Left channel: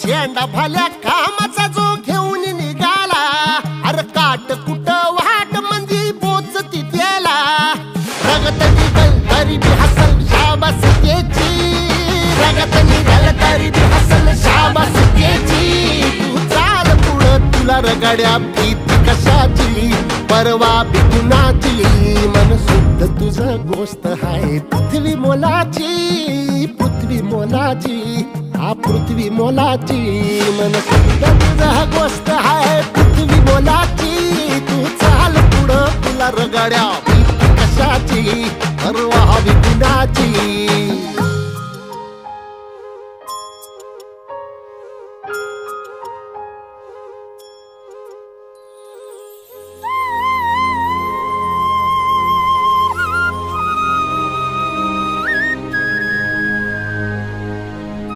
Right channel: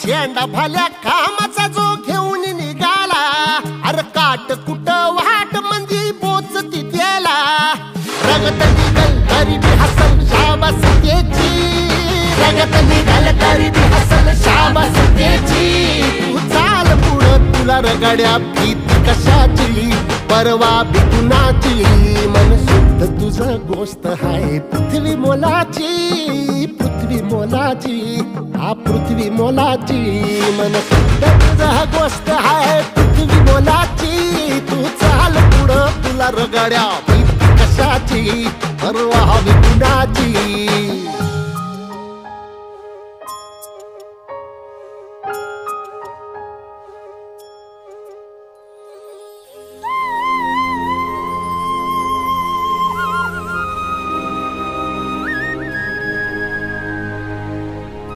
शेंडा भाल्या कामाचा जो घेऊन निघाला, अरे काट कुट वाट मंदी बोचती त्याला, रगत निघल तरी बी हसल शाबास त्याची, रगत निघल तरी बी हसल शाबास त्याची. तू चाल पुढं तुला रगड्या भीती कशाची, परवा बी कुणाची, मन शुद्ध तुझं गोष्ट हाय पृथ्वी मोलाची, पृथ्वी मोलाची, हा पृथ्वी मोलाची, मन शुद्ध तुझं गोष्ट हाय पृथ्वी मोलाची. तू चाल पुढं तुला रगड्या भीती कशाची, परवा बी कुणाची.